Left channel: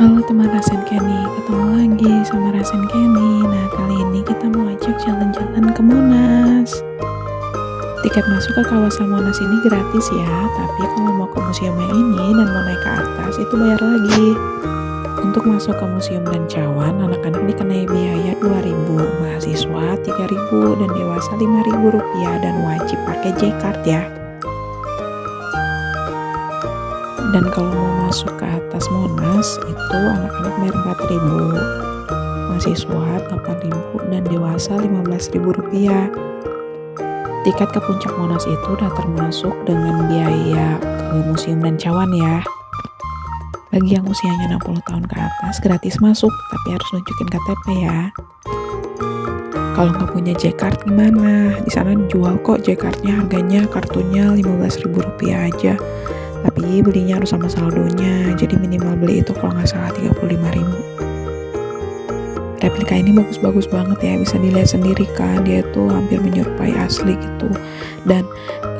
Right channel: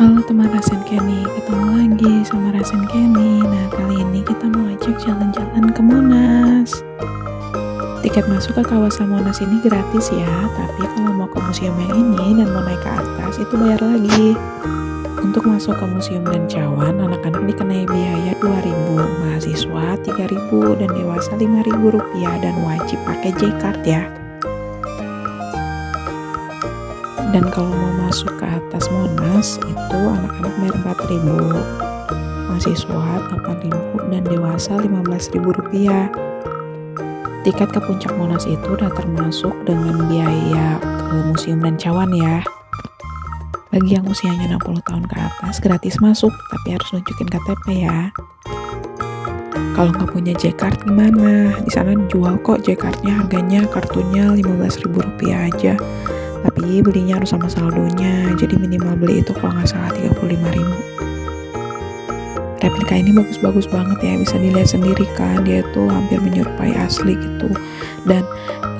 Halo teman Rasen Kenny, ketemu lagi sama Rasen Kenny. Nah, kali ini kita mau ajak jalan-jalan ke Monas. Tiket masuk ke kawasan Monas ini gratis ya, tapi kalau mau ke museum yang ini dan mau naik ke atas itu bayar lagi. Untuk masuk ke Museum dan Cawan, anak-anak dikenai biaya 2.000, mahasiswa 3.000, dan dewasa 5.000 rupiah, dan wajib pakai J-Card ya. Dan kalau mau masuk ke atas Monas itu anak-anak bayar 4.000, mahasiswa 8.000, dan dewasa 15.000 rupiah. Tiket ke puncak Monas itu udah termasuk dengan biaya ke Museum dan Cawan ya. Bagi yang usianya 60 tahun ke atas gratis masuk, tapi harus nunjukin KTP ya. Kalau nggak punya J-Card gimana? Di sana dijual kok J-Cardnya, harganya kartunya 15.000 rupiah aja. Tapi belinya harus sama saldonya, jadi minimal beli itu kalau nggak salah 35.000. Replika ini bagus-bagus banget ya, bisa dilihat sendiri kan, dia tuh hampir menyerupai asli gitu. Dan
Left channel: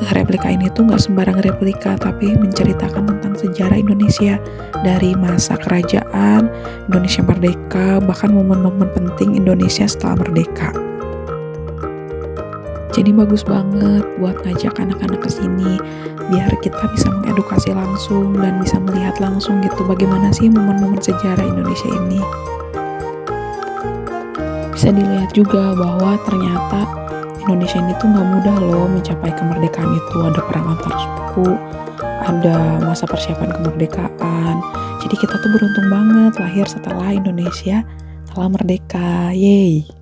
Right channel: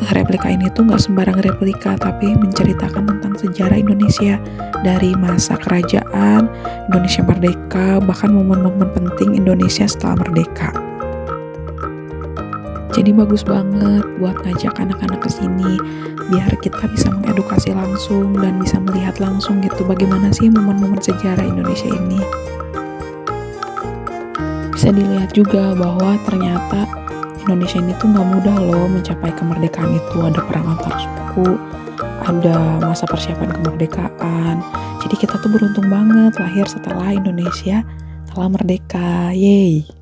replika ini tuh nggak sembarang replika, tapi menceritakan tentang sejarah Indonesia dari masa kerajaan, Indonesia merdeka, bahkan momen-momen penting Indonesia setelah merdeka. Jadi bagus banget buat ngajak anak-anak ke sini biar kita bisa mengedukasi langsung dan bisa melihat langsung gitu bagaimana sih momen-momen sejarah Indonesia ini. Bisa dilihat juga bahwa ternyata Indonesia ini tuh nggak mudah loh mencapai kemerdekaan itu. Ada perang antar suku, ada masa persiapan kemerdekaan. Jadi kita tuh beruntung banget lahir setelah Indonesia telah merdeka. Yeay!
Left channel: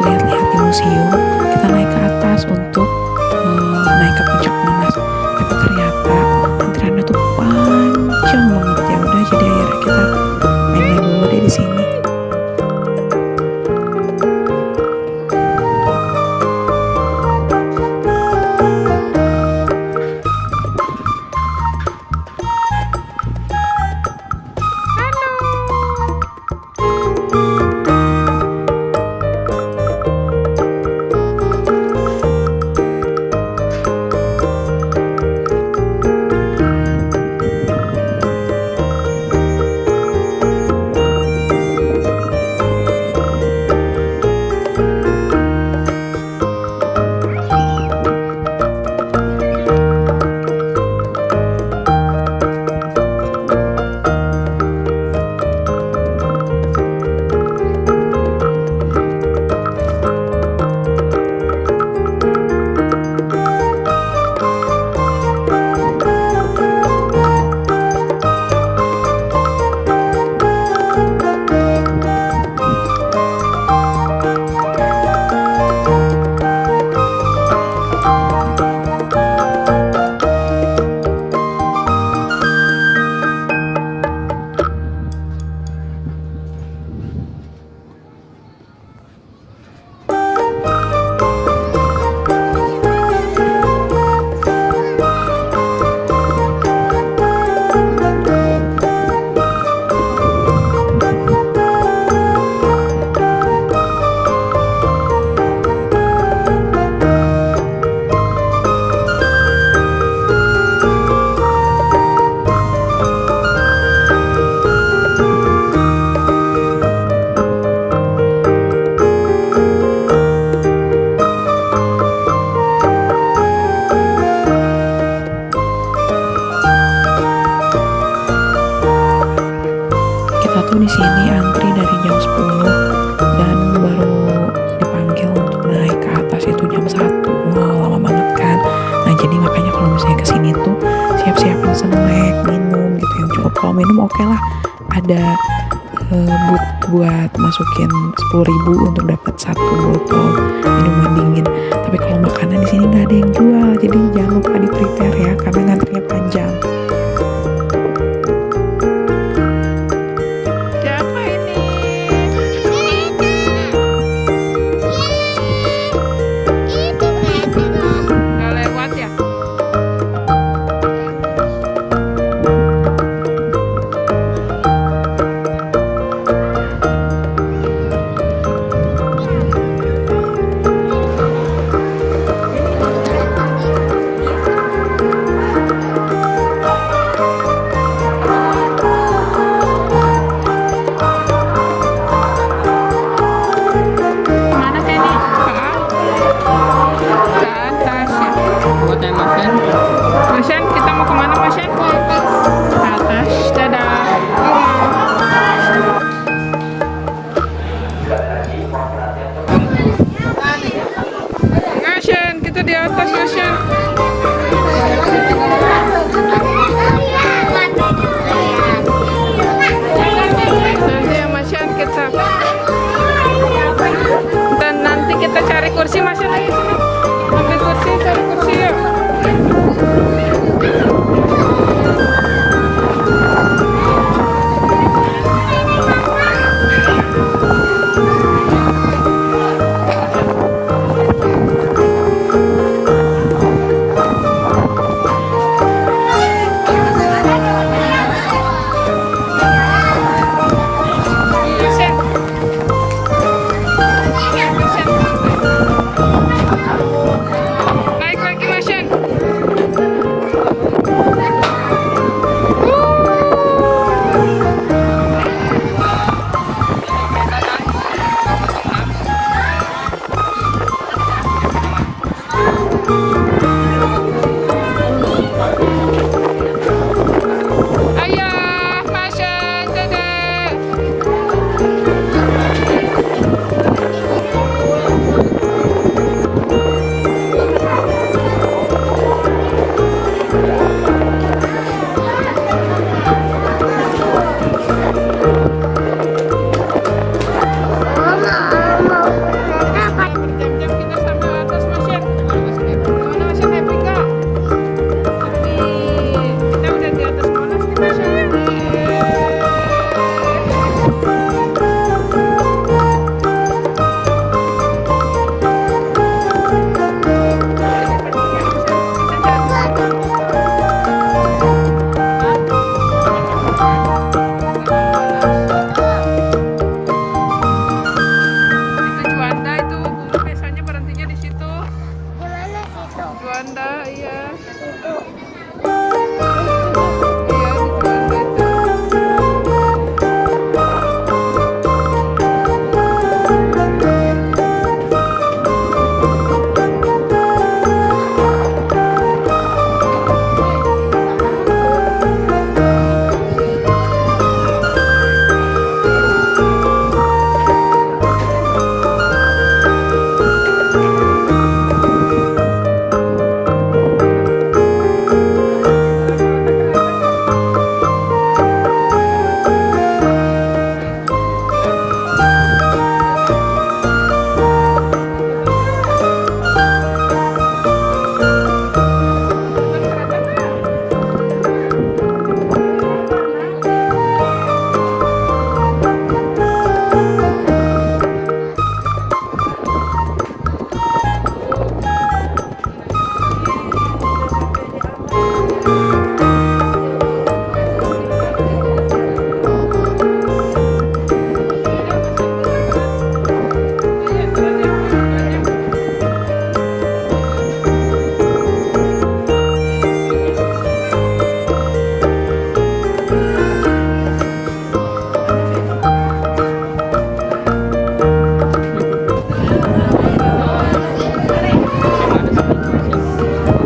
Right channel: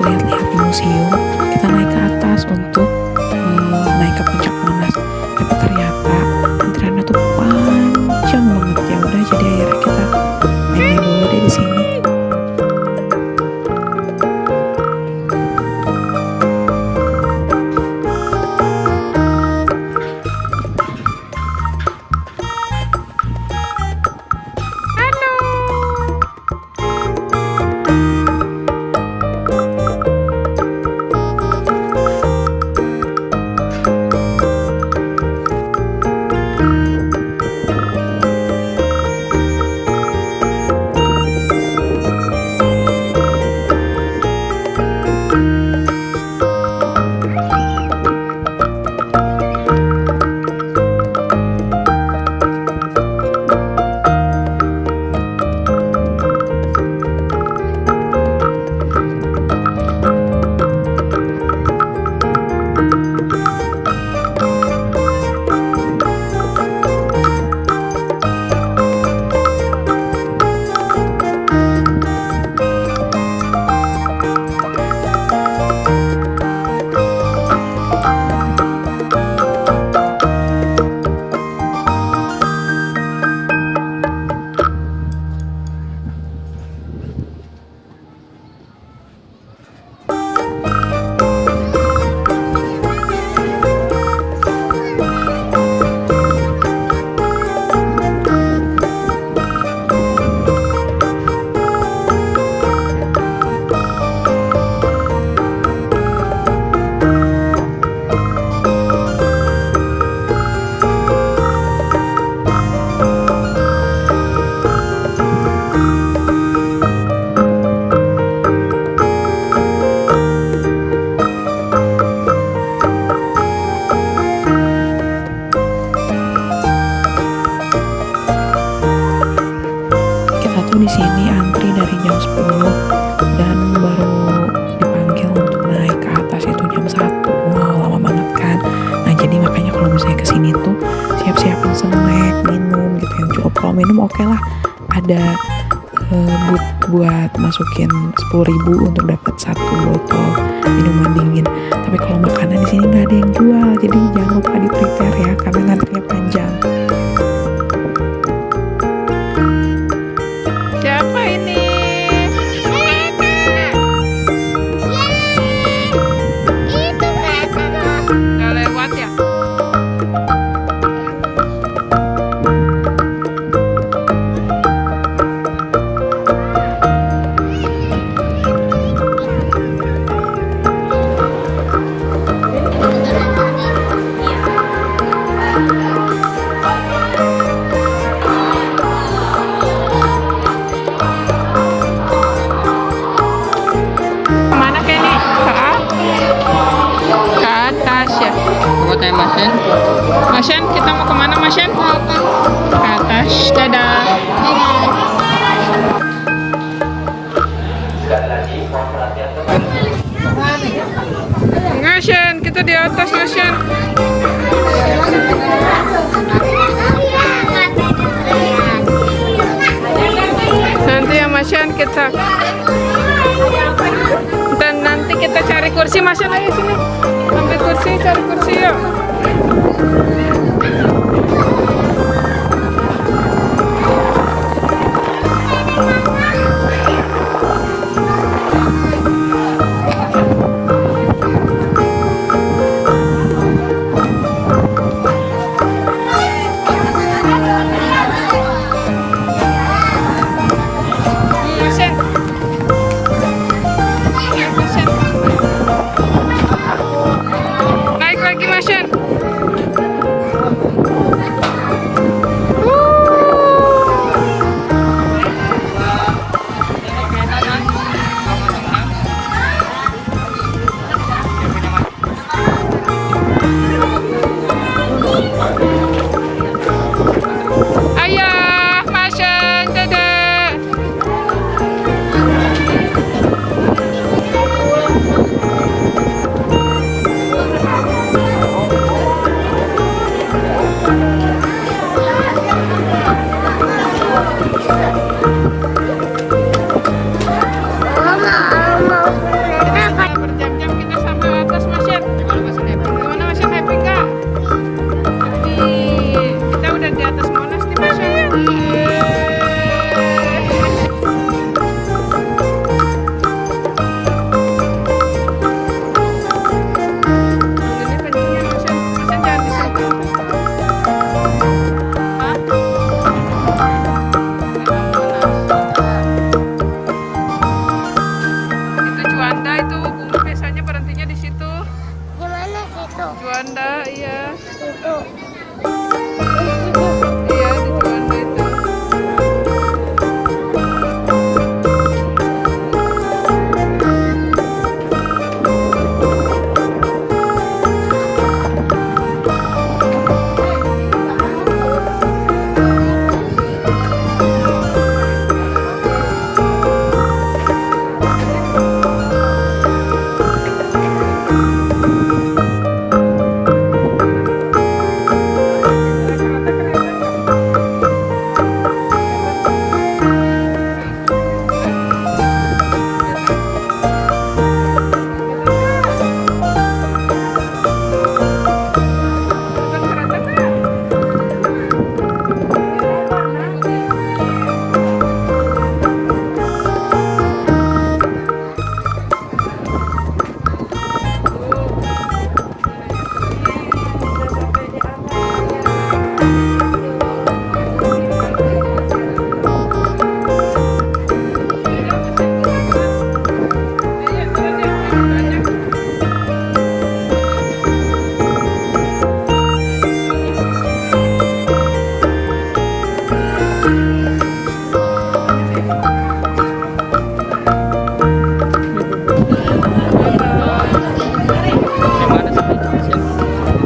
lihat-lihat di museum, kita naik ke atas untuk naik ke puncak Monas. Tapi ternyata antriannya tuh panjang banget. Ya udah, jadi akhirnya kita main-main dulu deh di sini. Kita tuh di sini antri dari jam 10 dan baru dipanggil untuk naik ke atas itu jam 1. Wow, lama banget kan. Nah, jadi makanya kalau misalnya kesini tuh siap-siapin snack, minum gitu yang cukup. Kalau minum oke lah, ada but buat masukin 10.000 untuk dapat 1 botol minuman dingin. Tapi kalau makanan di sini nggak ada yang jual, jadi jangan lupa di prepare ya, karena ngantrinya panjang. Siapa ini? Udah lewat ya? Kemana Kenny? Ke atas ya. Buatnya Masen. Masyan, kita mau kemana Masyan? Ke atas. Ke atas. Dadah. Masyan, kita di atas Masyan. Nanti ya Masyan kita. Dan nanti kita cari kursi Masyan, ayo sini. Ambil kursi, cari kursi yuk. Juanda, iya. Iya, di Juanda itu.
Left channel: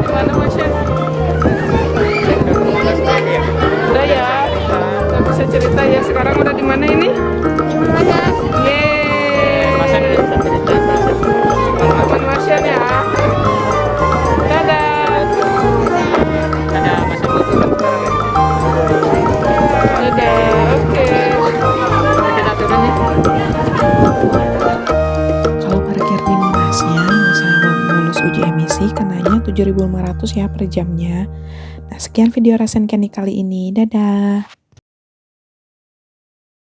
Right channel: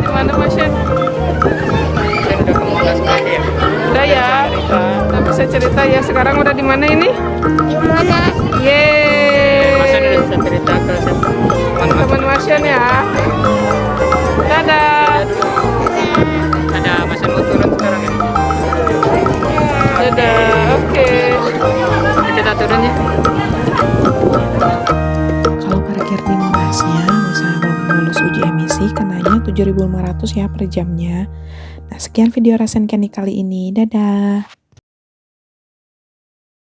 Gimana Mas Yan? Udah ya. Kita bisa cerita ya. Sekarang udah di mana ini? Yeay. Teman Mas Yan ya. Dadah. Dadah. Oke. Kita turun ya. Kalau parkir di Monasnya, misalnya mau lulus uji emisi, kenanya 7.500 ya per jamnya. Nah, sekian video Rasen Candy kali ini. Dadah.